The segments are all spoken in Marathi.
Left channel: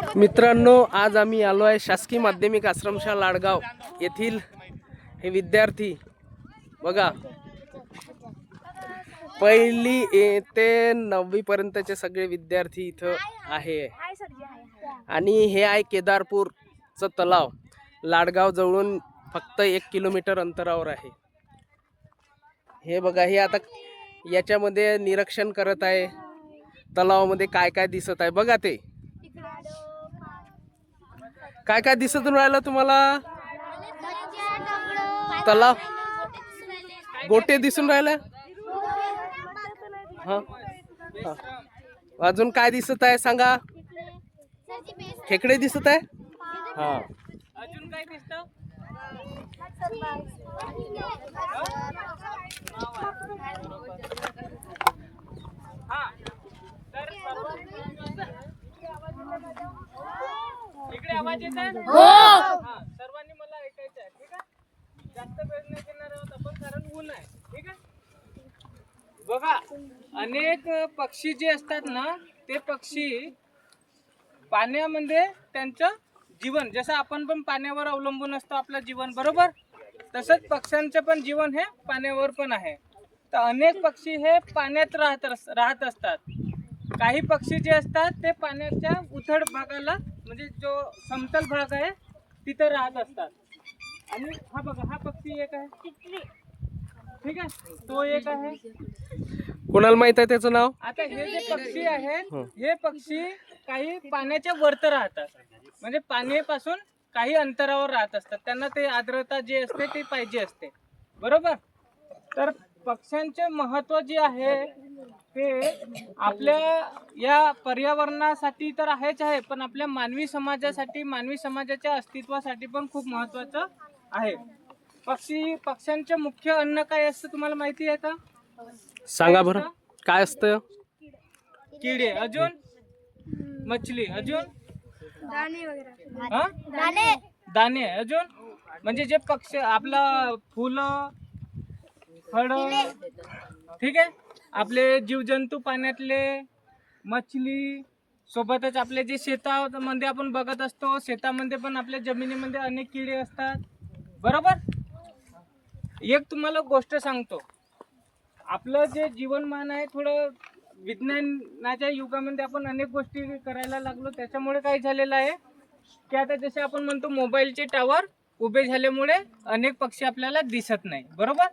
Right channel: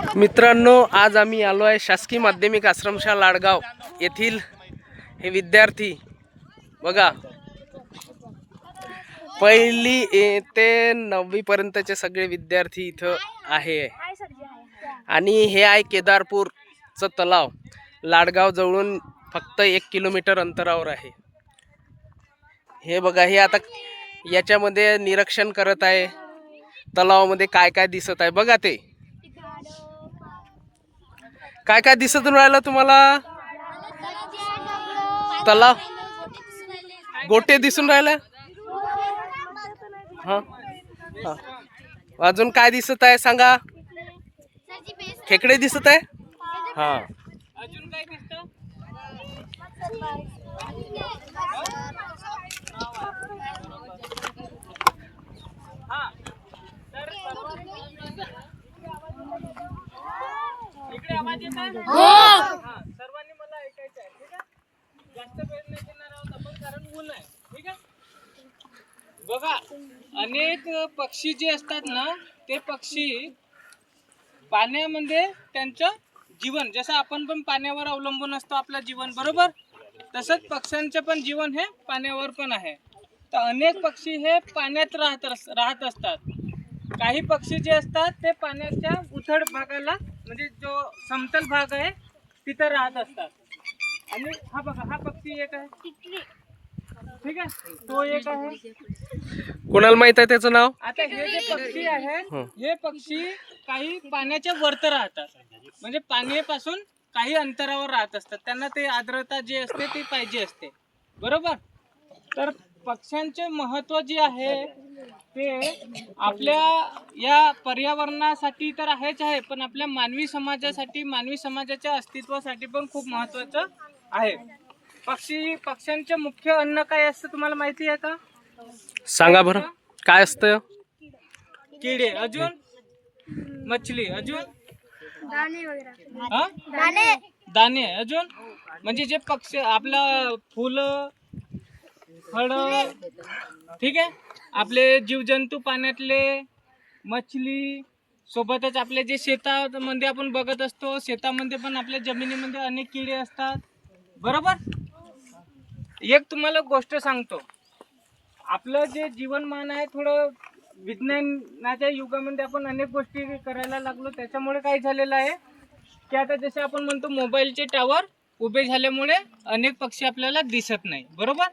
मित्रांनो, आज आम्ही आलो आहे शासकीय माध्यमिक आश्रमशाळा लाडगाव येथील हे विद्यार्थी बघा, पहिली ते 9वी पर्यंतचे सगळे विद्यार्थी इथं आहे. आणि हे आहे केदारपूरचं तलाव, लाडगाव जवळून फक्त 1 किलोमीटर अंतरावर आहे. हे बघा, हे आता याच्यामध्ये निरीक्षण करत आहे. तलावामध्ये काय काय दिसत आहे बघा. ते काय काय दिसत राहिलं तुम्हाला? तलाव, गोटे दिसून राहिल्या. हा, अजून काय दिसत आहे सांगा? खेकडे दिसत आहे. हा, अजून काय दिसतं? इकडे आवाज येत आहे? सर्वांनी मला ऐकायचं आहे, ठीक आहे? जास्त वेळ नाही देणार आहोत आपण, कारण ऊन आहे, ठीक आहे? बघा, अनेक पक्षी जे असतात ना, ते पक्षी पाण्यामध्ये त्यांचं जीवन, जसं आपण पण पाण्यावर अवलंबून असतो आपलं जीवन, बरोबर? तसंच पक्ष्यांचे पण जीवन हे पाण्यावर पण आहे. तर अनेक पक्षी हे पाण्यात राहत असतात. काही पक्षी जे असतात ते पाण्याच्या उथळ भागाला, म्हणजे जो समतल भाग आहे तिथं राहत असतात. आणि हा बघा, हा पक्षी एक आहे, ठीक आहे, तो एक आहे. कोणाला माहित आहे त्याचं नाव? आता हे जे पक्षी आहे, हे पक्षी काही पाण्याच्या वरती राहतात, म्हणजे पाण्यापासून काही अंतरावर राहत असतात. त्यांना ते आर्द्रता जे असते ती पाहिजे असते, बरोबर? तर पक्ष्यांचे महत्त्व जे आहे ते आपल्या या पर्यावरणासाठी तर आहेच आहे, पण आपल्या मानवी समाजासाठी, मानवी समाजाच्या अस्तित्वासाठी पण खूप महत्त्वाचं आहे. पक्ष्यांचे मुख्य अन्न काय असतं तुम्हाला माहिती आहे का? सांगा बरं, काय असतं? किडे, अजून मछली, अजून दाणे, अजून म्हणजे जे पक्षी आपलं फुलं, फळ, ठीक आहे, आपले जीवजंतू पाण्यातले, मछली, सोबतच आपले जे शेतामध्ये आपण बघत असतो, शेतामध्ये पण आपल्या जमिनीमध्ये अनेक किडे असतात, बरोबर? एक तुम्हाला गोष्ट सांगतो, आपलं जे जीवनमान आहे थोडं विज्ञानाच्या युगामध्ये आपण अनेक गोष्टी करायला लागलो. त्याच्यामुळे काय झालेलं आहे की आता जसे आपण म्हणतो मोबाईलचे टावर उभे झाल्यामुळे अनेक पक्षी आपल्याला दिसत नाही, बरोबर?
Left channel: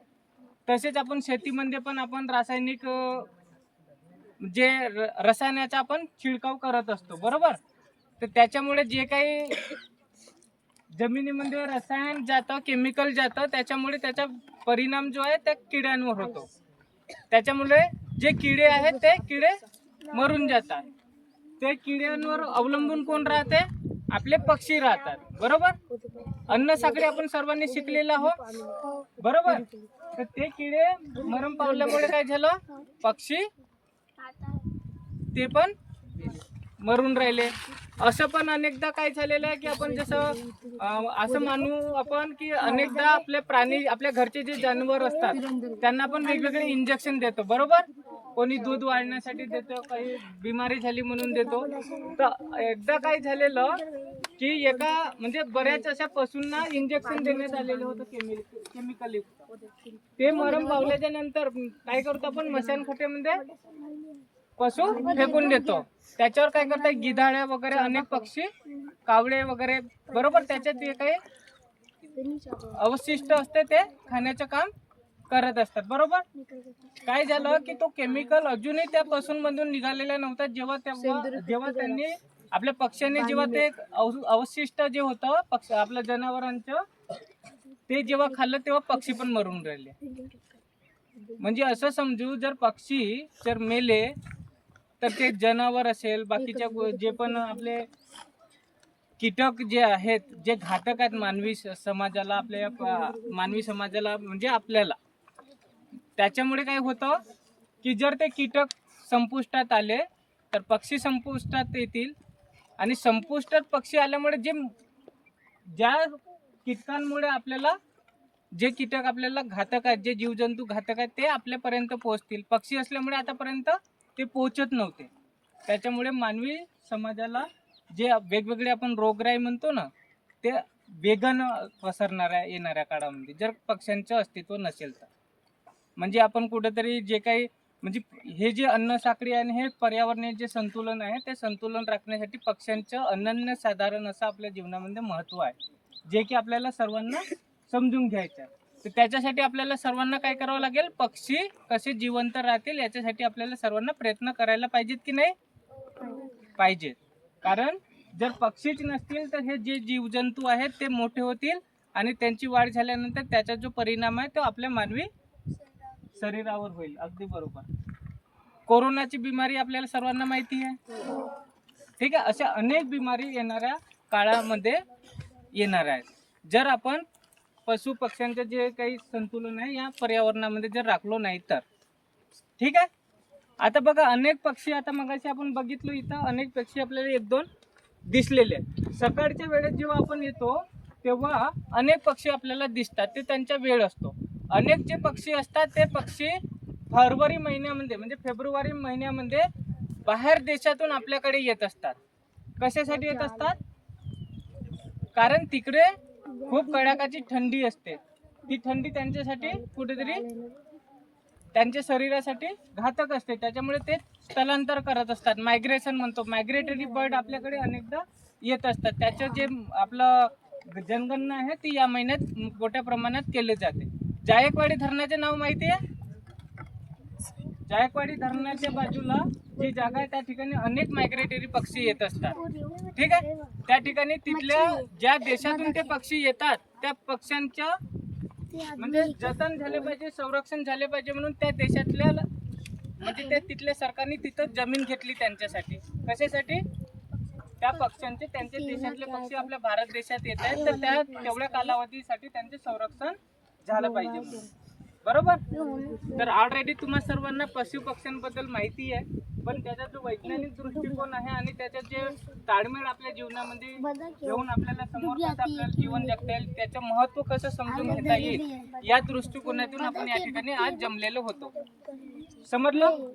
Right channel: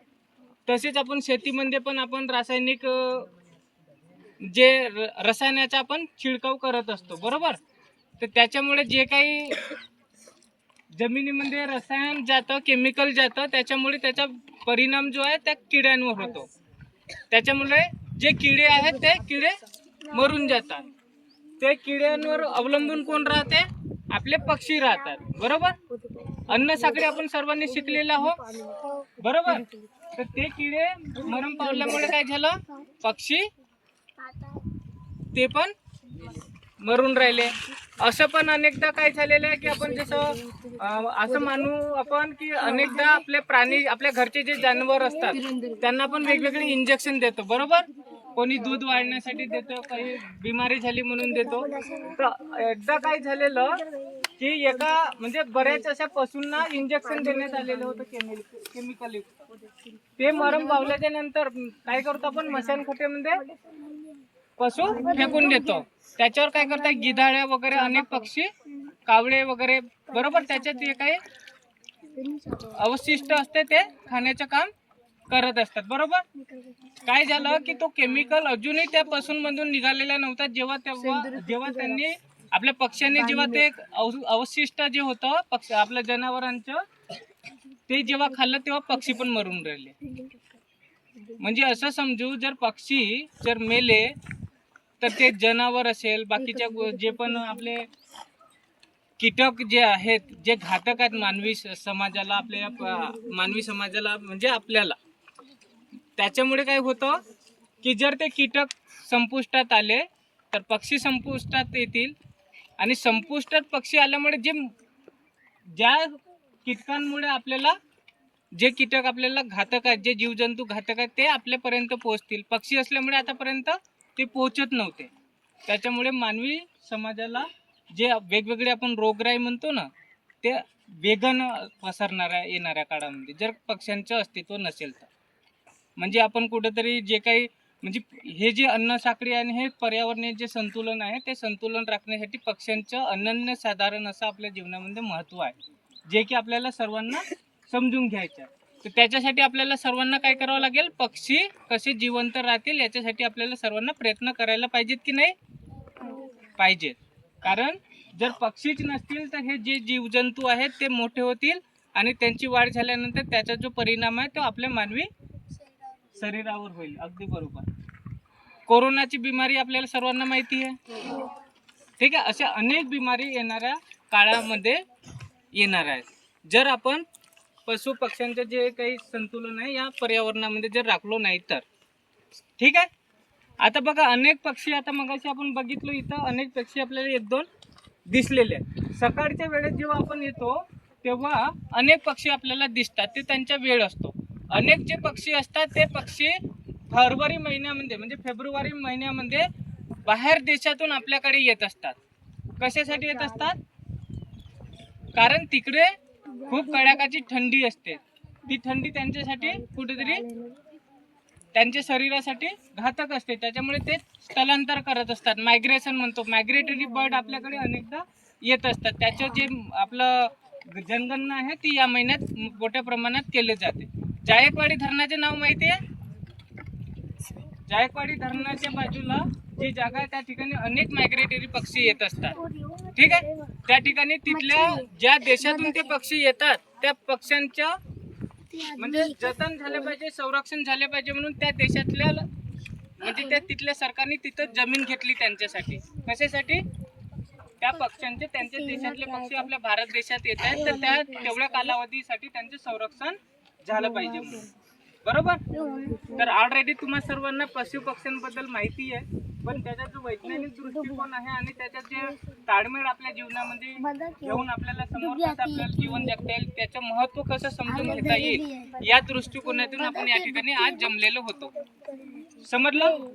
तसेच आपण शेतीमध्ये पण आपण रासायनिक जे रसायनाचा आपण छिडकाव करत असतो, बरोबर? तर त्याच्यामुळे जे काही जमिनीमध्ये रसायन जातं, केमिकल जातं, त्याच्यामुळे त्याचा परिणाम जो आहे त्या किड्यांवर होतो. त्याच्यामुळे जे किडे आहेत ते किडे मरून जातात. ते किड्यांवर अवलंबून कोण राहते? आपले पक्षी राहतात, बरोबर? अन्न साखळी आपण सर्वांनी शिकलेलं आहोत, बरोबर? तर ते किडे मरण पावल्यामुळे काय झालं? पक्षी ते पण मरून राहिले. असं पण अनेकदा काय झालेलं आहे की आपण जसं असं मानू आपण की अनेकदा आपले प्राणी, आपल्या घरचे जे जनावर असतात त्यांना आपण वेगवेगळे इंजेक्शन देतो, बरोबर? कोणी दूध वाढण्यासाठी देतो, काही बिमारी झाली म्हणून देतो. तर एकदा काय झालेलं की एका म्हणजे बऱ्याच अशा पशूंना इंजेक्शन देण्यात आलेलं होतं केमिकल. ते मरण पावल्याच्या नंतर काय करतो आपण? मशानखोट्यामध्ये पशु फेकून देतो. त्याच्यावर काय करतात? गिधाड्या वगैरे अनेक पक्षी, कावळे वगैरे, बरोबर, त्याच्यात जे काही अवशिष्ट असते ते खाण्याचं काम करत असतात, बरोबर? काय झालं की तो केमिकल अजूनही त्या पशूंमधून निघालेला नव्हता. जेव्हा त्यांनी आपल्या पक्ष्यांनी जेव्हा ते अवशिष्ट जे होतं पक्ष आपल्या जनावरांचं ते जेव्हा खाल्लं तेव्हा पक्षी पण मरून राहिले. म्हणजे असं समजू, जर पक्षी जर मेले तर ते जनावर असेल, बाकीच्या जे पण आपले कीटक जे आहेत, जे घातक आहेत मानवी समाजाला, आपल्या मानवी समाजाला म्हणजे आपल्याला, त्याच्यामुळे काय होतं की जर ते कीटक संपुष्टात आले तर पक्षी संपुष्टात येतील. आणि संपुष्टात पक्षी आल्यामुळे ज्या कीटकांमुळे आपल्याला, जे कीटक आपल्याला घातक आहेत, जे जीवजंतू घातक आहेत, ते आपल्यापर्यंत पोहोचतील. पक्षी असल्यामुळे आतापर्यंत ते पोहोचत नव्हते. त्याच्यामुळे मानवी समाजाला जे वेगवेगळे आपण रोगराई म्हणतो ना, ते वेगानं पसरणाऱ्या येणाऱ्या काळामध्ये जर पक्ष्यांचं अस्तित्व नसेल तर. म्हणजे आपण कुठेतरी जे काही म्हणजे हे जे अन्न साखळी आणि हे पर्यावरणीय जे संतुलन आहे ते संतुलन राखण्यासाठी पक्ष्यांचं अनन्यसाधारण असं आपल्या जीवनामध्ये महत्त्व आहे, जे की आपल्याला सर्वांना समजून घ्यायचं आहे. तर त्याच्यासाठी आपल्याला सर्वांना काय करावं लागेल, पक्षी कसे जिवंत राहतील याच्यासाठी आपल्याला सर्वांना प्रयत्न करायला पाहिजेत की नाही पाहिजेत. कारण जर पक्षीच नसतील तर हे जे जीवजंतू आहेत ते मोठे होतील आणि त्यांची वाढ झाल्यानंतर त्याचा जो परिणाम आहे तो आपल्या मानवी शरीरावर होईल. अगदी बरोबर. कोरोनाची बिमारी आपल्याला सर्वांना माहिती आहे, ठीक आहे. अशा अनेक बिमारी येणाऱ्या काळामध्ये येणार आहेत जर आपण पशु पक्ष्यांचे जे काही संतुलन आहे या पर्यावरणामध्ये जर राखलो नाही तर, ठीक आहे. आता बघा अनेक पक्षी, आता मगाशी आपण बघितलो इथं अनेक पक्षी आपल्याला एक दोन दिसलेले आहेत. सकाळच्या वेळेत जेव्हा आपण येतो तेव्हा अनेक पक्षी आपल्याला दिसतात, ते त्यांचा वेळ असतो. अनेक जे पक्षी असतात ते पक्षी फरवरी महिन्यामध्ये म्हणजे फेब्रुवारी महिन्यामध्ये बाहेर देशातून आपल्याकडे येत असतात. कशासाठी येत असतात? कारण तिकडे खूप कडाकाची थंडी असते. ती थंडी त्यांच्यासाठी कुठेतरी त्यांच्या शरीरासाठी घातक असते, त्याच्यामुळे ते स्थलांतर करत असतात. मायग्रेशन म्हणतो, मायग्रेटरी बर्ड आपल्याकडे अनेकदा येत असतात. त्याचं जे आपलं जनगणना आहे ती या महिन्यात मोठ्या प्रमाणात केली जाते. जायकवाडी धरणाचे नाव माहिती आहे? जायकवाडी धरणाच्या बाजूला जी जागा आहे त्या ठिकाणी अनेक मायग्रेटरी पक्षी येत असतात, ठीक आहे. त्या ठिकाणी तिथल्या ज्या देशातून ते पक्षी येतात त्या पक्ष्यांच्या म्हणजे जतन झाले पाहिजे, संरक्षण झाले पाहिजे म्हणून त्या देशातल्या म्हणजे त्या तिथल्या सरकारने तिथं जमीन घेतली त्यांच्यासाठी. कशासाठी? त्या पक्ष्यांचे, त्यांच्या देशातले पक्षी आपल्या भारत देशात येत आहेत तर त्या तेवढ्या कालावधीसाठी त्यांचे संरक्षण झालं पाहिजे म्हणून. बरोबर. तर ऑलरेडी तुम्हा सर्वांना पशु पक्ष्यांबद्दल माहिती आहे, पण त्याचा जो वैज्ञानिक दृष्टिकोन आहे आणि त्याचा जे ताळमेळ आपल्या जीवनामध्ये घेऊन आपल्याला समोर कसं आपल्याला जीवन जगता येईल, त्याचं महत्त्व कसं समजून घेता येईल या दृष्टिकोनातून आपण या ठिकाणी आज जमलेलो होतो. समजलं?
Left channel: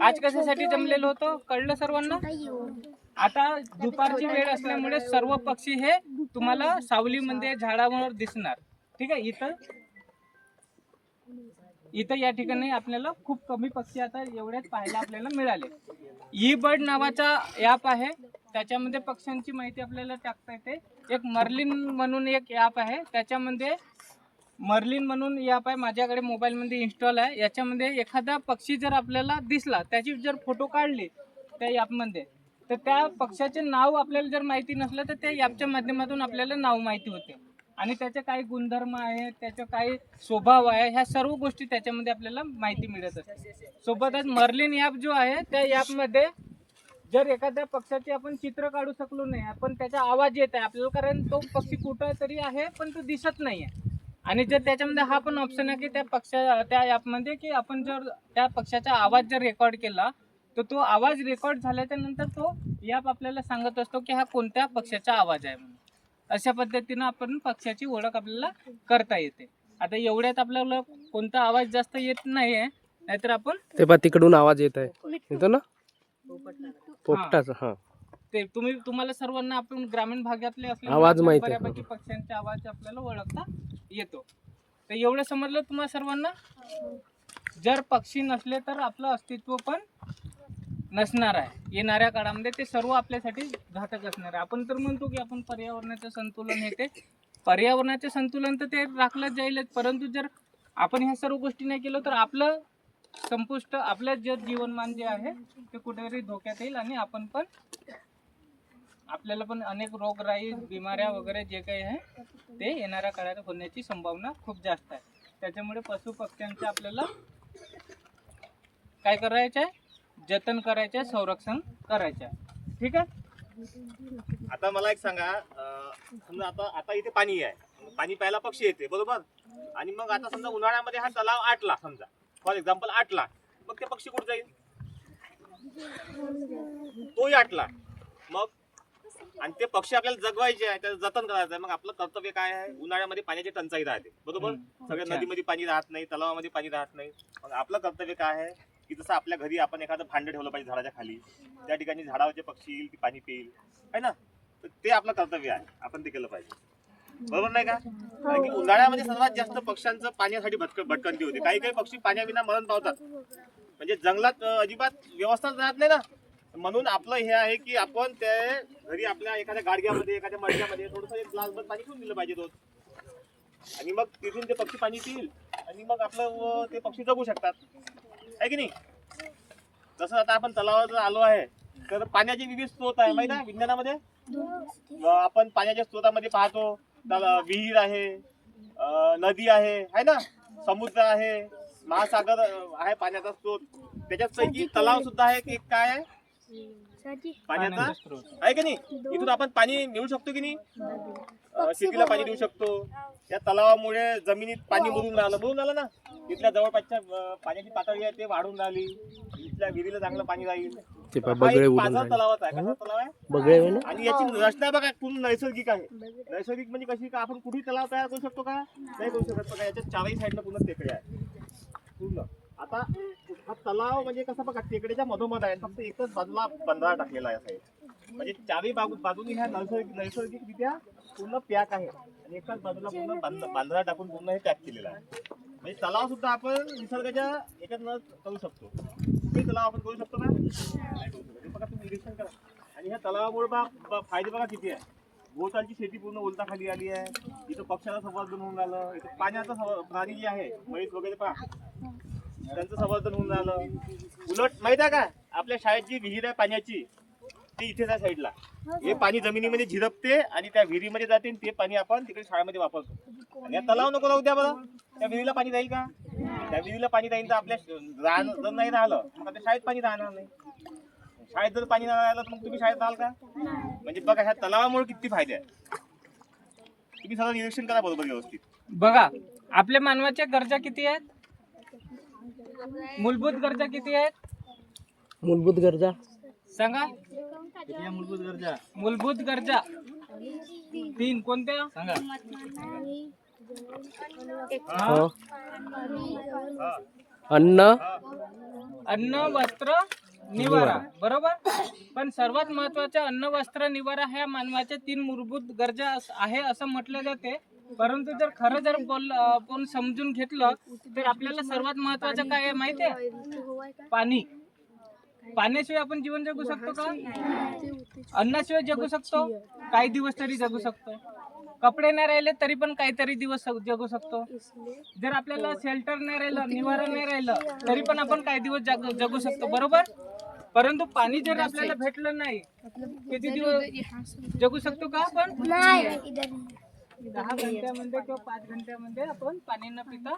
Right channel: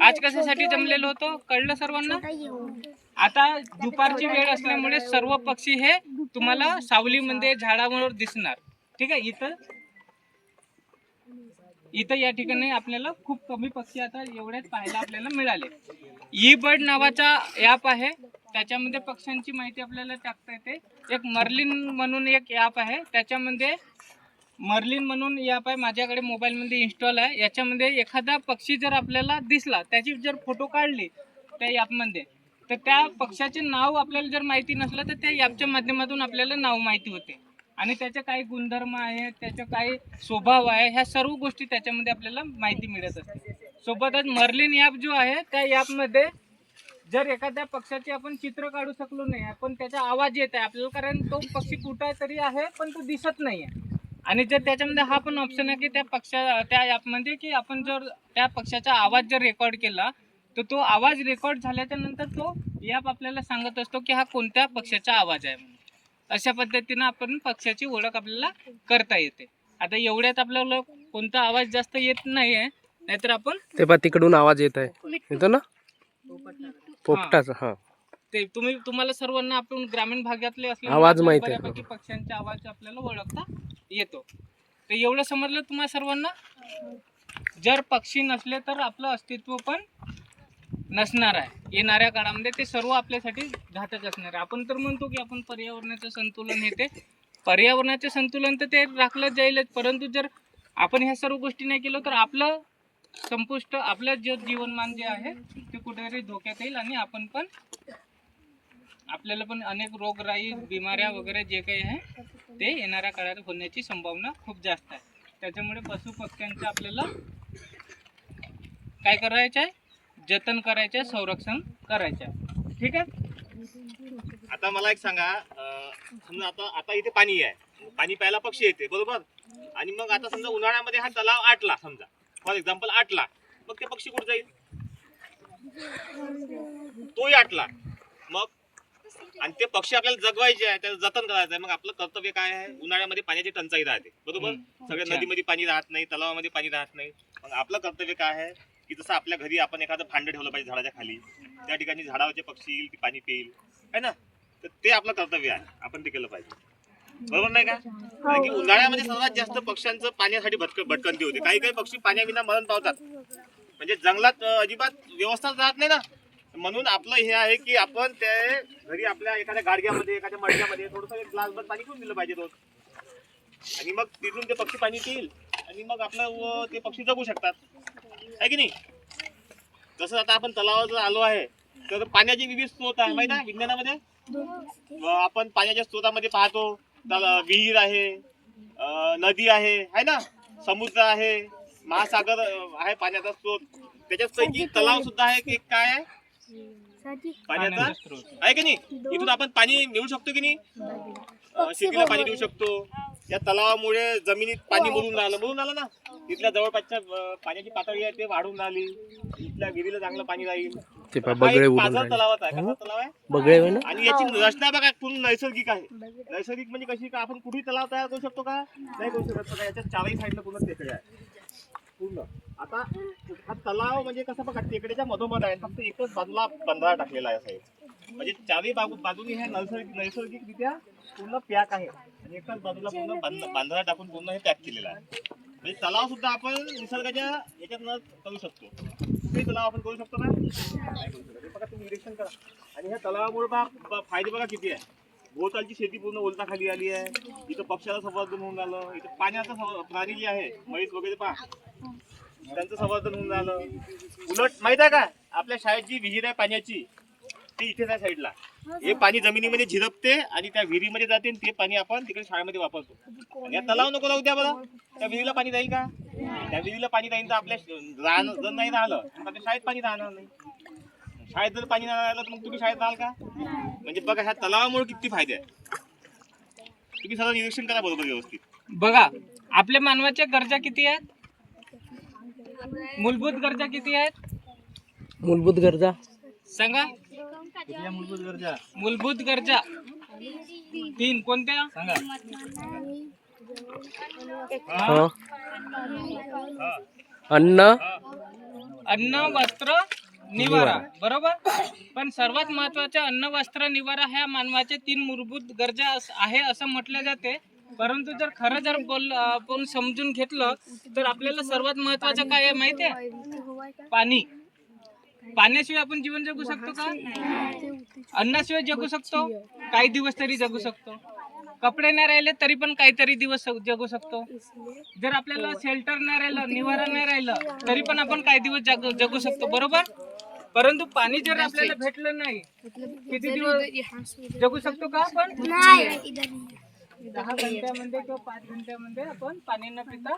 आज कशासाठी जमलेलो होतो कळलं सर्वांना? आता दुपारची वेळ असल्यामुळे सर्व पक्षी हे तुम्हाला सावलीमध्ये झाडावर दिसणार, ठीक आहे. इथं या ठिकाणी आपल्याला खूप कमी पक्षी आता एवढ्याच पाहायला आपल्याला मिळाले. ई बर्ड नावाचा ॲप आहे, त्याच्यामध्ये पक्ष्यांची माहिती आपल्याला टाकता येते. एक मर्लिन म्हणून एक ॲप आहे, त्याच्यामध्ये मर्लिन म्हणून ॲप आहे, माझ्याकडे मोबाईलमध्ये इन्स्टॉल आहे. याच्यामध्ये एखादा पक्षी जर आपल्याला दिसला, त्याची जर फोटो काढली त्या ॲपमध्ये, तर त्या पक्षाचे नाव आपल्याला जर माहिती नसलं तर त्या ॲपच्या माध्यमातून आपल्याला नाव माहिती होते आणि त्याचे काही गुणधर्म आहे, त्याचा काही स्वभाव आहे, ह्या सर्व गोष्टी त्याच्यामध्ये आपल्याला माहिती मिळत असते. सोबतच मर्लिन ॲप जो आहे त्या ॲपमध्ये जर एखाद्या पक्षाचे आपण चित्र काढू शकलो नाही, पण त्याचा आवाज येत आहे आपल्याला, कारण तो पक्षी कुठं तरी आहे पण तो दिसत नाही आहे. आणि जर त्याच्यामध्ये हा पण ऑप्शन आहे की त्या ॲपमध्ये की आपण जर त्या पक्षाचा आवाज जर रेकॉर्ड केला तर तो आवाज रेकॉर्ड झाल्याच्या नंतर तो ॲप आपल्याला सांगत असतो की हा कोणत्या पक्षाचा आवाज आहे म्हणून. अशा पद्धतीनं आपण पक्षाची ओळख आपल्याला करता येते. आता एवढ्यात आपल्याला कोणता आवाज जास्त येत नाही आहे, नाहीतर आपण ते पा तिकडून आवाज येत आहे, येतो ना पोपटाचा. हा, ते तुम्हाला सर्वांना आपण ग्रामीण भागातले आवाज माहिती आहे. बऱ्यापैकी पक्ष्यांचा आवाज आपल्याला ओळखता येतो. तर एवढं समजलं तुम्हाला सर्वांना? जर पक्षी नसले तर आपलं अस्तित्व पण नसणार आहे येणाऱ्या काळामध्ये. ते सर्व आपल्यासाठी घातक असणार आहे. आपण तर म्हणतो की आपण पर्यावरणाचं संतुलन हे ते पर्यावरणाचे संतुलन तर ते राखलं जाईलच, परंतु जर आपण ह्या सर्व गोष्टी नाही केलं तर आपलं संपुष्ट आपलं जे जीवनमान जे आहे ते कुठेतरी धोक्यात येईल आणि आपण पण आपल्याला पण अनेक रोगराई बिमाऱ्या वगैरे जे काही आहे ते येणाऱ्या काळात होण्याची संभावना खूप जास्त आहे. त्याच्यामुळे पशु पक्ष्यांचं आपल्याला काय करायचं आहे, जतन करायचं आहे, संरक्षण करायचं आहे, ठीक आहे. आता मला एक सांगा, समजा आता इथे पाणी आहे, पाणी प्यायला पक्षी येते बरोबर, आणि मग आता समजा उन्हाळ्यामध्ये हा तलाव आटला, समजा फॉर एक्झाम्पल आटला, मग ते पक्षी कुठे जाईल? तोही आटला मग, आणि ते पक्षी आपल्याला जगवायचे आहे, त्याचं जतन करायचं आहे. मग आपलं कर्तव्य काय आहे? उन्हाळ्यामध्ये पाण्याची टंचाई राहते बरोबर, सगळ्या नदीमध्ये पाणी राहत नाही, तलावामध्ये पाणी राहत नाही. मग आपलं कर्तव्य काय आहे की जसं आपल्या घरी आपण एखादं भांडं ठेवलं पाहिजे झाडाच्या खाली, त्या ठिकाणी झाडावरचे पक्षी येईल, ती पाणी पिईल, है ना. तर ते आपलं कर्तव्य आहे, आपण ते केलं पाहिजे, बरोबर नाही का. कारण की उन्हाळ्यामध्ये सर्वात जास्त पक्ष्यांचं पाण्यासाठी भटकंती होते. काही काही पक्षी पाण्याविना मरण पावतात, म्हणजे जंगलात अजिबात व्यवस्था राहत नाही ना. म्हणून आपलं हे आहे की आपण ते घरी आपल्या एखाद्या गाडग्यामध्ये, एखाद्या मडक्यामध्ये थोडंसं एक ग्लासभर पाणी ठेवून दिलं पाहिजे रोज, आणि मग तिथून ते पक्षी पाणी पिईल आणि मग आपलं ते पक्षी जगू शकतात, आहे की नाही. जसं आता आपण तलावावर आलो आहे, तर पाण्याचे विविध स्रोत आहे माहिती आहे विज्ञानामध्ये. आपण पाण्याच्या स्रोतामध्ये पाहतो, विहीर आहे, नदी आहे ना, समुद्र आहे, महासागर आहे पाण्याचा स्रोत. त्याच्यापैकी तलाव सुद्धा आहे की काय आहे पाण्याचा स्रोत आहे की नाही. इथून आपण पाणी मिळू शकतो की नाही, शेतीला पाणी देऊ शकतो. या तलावामुळे जमिनीत पाणी मुरून राहिलं ना. इथल्या जवळपासच्या पाण्याची पातळी आहे ते वाढून राहिली, इथल्या विहिरीला चांगलं पाणी राहील. ते हा बगळे एक उडून पाझर राहिले. तलावाचा आहे. कसा तलाव आहे बगळे होय ना. आणि याची रचना बघा पूर्ण नैसर्गिक आहे. नैसर्गिक म्हणजे कशी का आपण कुठेही तलाव तयार करू शकतो का, नाही करू शकत का. याच्या चारही साईडला पूर्ण टेकड्या आहे पूर्ण. आता हा तलाव म्हणजे कसा बघा टेकड्याच्या मधोमध आहे, फक्त एकच बाजूला बंधारा टाकलेला आहे साहेब. म्हणजे चारही बाजूनी ह्या नैसर्गिकरित्या पूर्ण पॅक आहे, आणि एकाच बाजूला पूर्ण बांधारा टाकून पूर्ण हे पॅक केलेलं आहे. म्हणजे तलाव सुद्धा आपण निसर्गाच्या याच्यात न करू शकतो. कुठेही तलाव आपण करू शकतो का, नाही करू शकत. हे बघा तुम्ही निरीक्षण करा. आणि ह्या तलावामुळे फायदे बघा किती आहे. भोवतालची शेती पूर्ण ओलता खाली आली आहे. इथं पक्ष्याचं संवर्धन होऊन राहिलं. इथं पाण्याचं प्राणी जे आहे म्हैस वगैरे पहा, त्यांचं संवर्धन होऊन राहिलं. उलट माहित आहे का, आपल्या शाळेत जी विहीर आहे पाण्याची ती इथे त्या साईडला, हे पाणी जमिनीमध्ये झिरपते आणि त्या विहिरीमध्ये जाते, आणि ते पाणी आपण तिकडे शाळेमध्ये वापरतो. आणि या तलाव नको राहू द्या बरं, त्या विहिरीला पाणी राहील का. त्या विहिरीला पाणी राहील तर आपल्या जर नाही राहिलं तर आपल्या शाळेत पाणी राहणार नाही. शाळेत जर पाणी नाही राहिलं तर मग तुम्ही शाळेत राहाल का. म्हणजे बघा ह्या तलावामुळे किती फायदे आहेत. तुम्ही सगळं निरीक्षण करा बरोबर व्यवस्थित. बघा आपल्या मानवाच्या गरजा किती आहेत, मूलभूत गरजा किती आहेत मूलभूत गरजा सांगा. मूलभूत गरजा 3 कोणत्या सांगा. हो. अन्न, अन्न, वस्त्र, निवारा, बरोबर. पण सर्वात महत्वाच्या अन्न, वस्त्र, निवारा ह्या मानवाच्या 3 मूलभूत गरजा आहे असं म्हटलं जाते. परंतु जर खरं जर आपण समजून घेतलं तर आपल्याला सर्वात महत्वाचं काय आहे माहिती आहे, पाणी. पाण्याशिवाय आपण जीवन जगू शकतो का, अन्नाशिवाय जगू शकतो, काही दिवस तरी जगू शकतो. कपडे नाही राहिले तरी पण काहीतरी दिवस जगू शकतो. जर आपल्याला शेल्टर नाही राहिलं, निवारा नाही राहिलं तरी पण आपण काही दिवस जगू शकतो, बरोबर. परंतु पाणी जर आपल्याला भेटलं नाही, किती दिवस जगू शकतो का आपण. 10 घंट्यामध्ये किंवा 5 घंट्यामध्ये आपण पाणी न पिता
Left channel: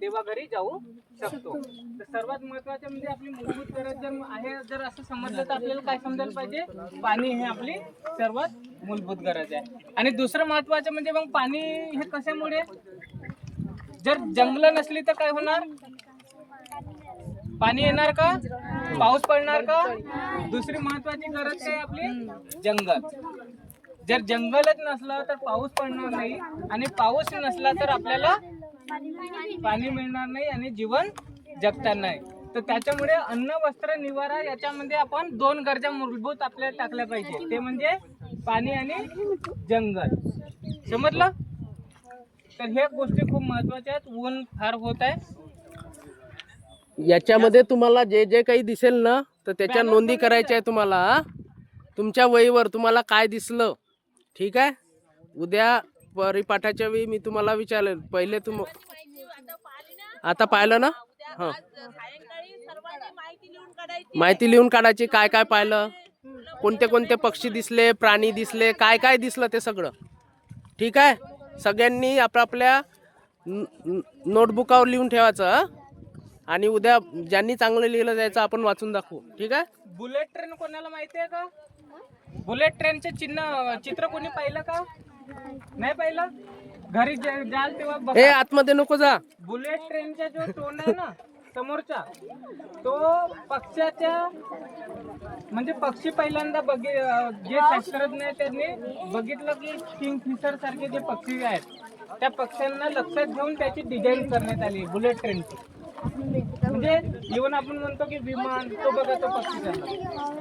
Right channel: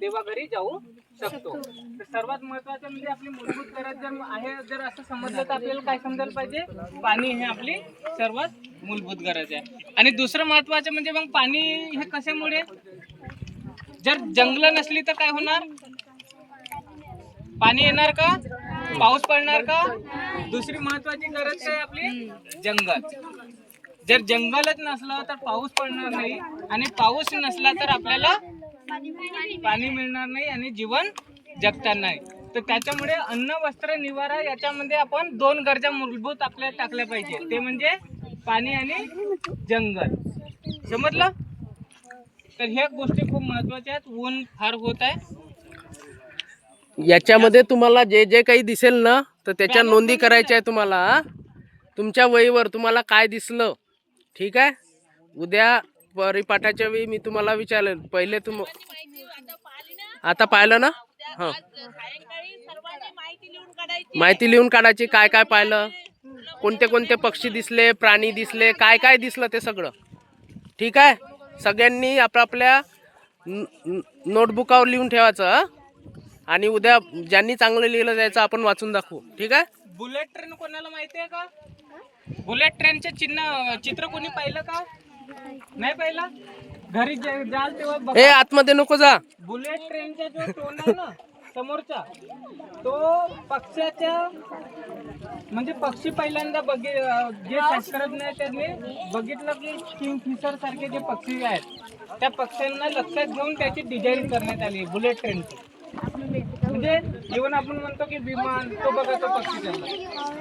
देवा घरी जाऊ शकतो. तर सर्वात महत्वाचं म्हणजे आपली मूलभूत गरज जर आहे, जर असं समजलं तर आपल्याला काय समजायला पाहिजे, पाणी हे आपली सर्वात मूलभूत गरज आहे. आणि दुसरं महत्वाचं म्हणजे मग पाणी हे कशामुळे, जर जंगलं नसली तर काय होणार, पाणी येणार का, पाऊस पडणार का. दुसरी महत्वाची गरज काय आपली, जंगल. जर जंगलच नसलं तर पाऊस पडणार नाही, आणि पाऊस नसला तर आपल्याला पाणी मिळणार नाही आणि जीवन जगता नाही. तर त्याच्यामुळे अन्न, वस्त्र, निवारा याच्यामध्ये आपण 2 गरजा मूलभूत आपल्याला टाकल्या पाहिजे, ते म्हणजे पाणी आणि जंगल. समजलं. तर ह्या गोष्टी खूप महत्वाच्या आहेत. ऊन फार होत आहे. याच्यामध्ये तुम्हाला जे जे काही दिसेल ना तर त्याच्या नोंदी करायच्या आहे तुम्हाला. तुमच्या वहीवर तुम्हाला काय दिसलं, ठीक आहे. उद्या परिपाठाच्या वेळी मी तुम्हाला विचारेल. पहिले आता पाहिलं ना, हां माहिती लिहून काढायची. काय काय पाहिलं, कोणते कोणते पक्षी दिसले, प्राणी दिसले, काय काय दिसलं ते सगळं, ठीक आहे. सगळ्यांनी आपापल्या नोटबुकावर लिहून ठेवायचं. आणि उद्या ज्यांनी चांगलं लिहिलं जायचं आपण वाचून दाखवू, ठीक आहे. बुलेट ट्रेन कोणाला माहिती आहे का, बुलेट ट्रेनचे चित्र कोणी पाहिलं का, नाही पाहिलं. घरी जाल तेव्हा बघा. ए आतमध्ये नको जा. बुलेट ट्रेनचा जो टोन आहे ना समोरचा, तो पक्ष्याच्या म्हणजे पक्षी पहिल्यांदा जे शास्त्रज्ञ आहेत त्यांनी बघितलं की किंगफिशर सारखे जे पक्षी आहेत त्या पक्ष्यांना लक्षात घेऊन त्याची डिझाईन करण्यात आली बुलेट ट्रेनची. म्हणजे इव्हन आपण म्हणतो की विमान, तो बघा तो पक्षी चालला.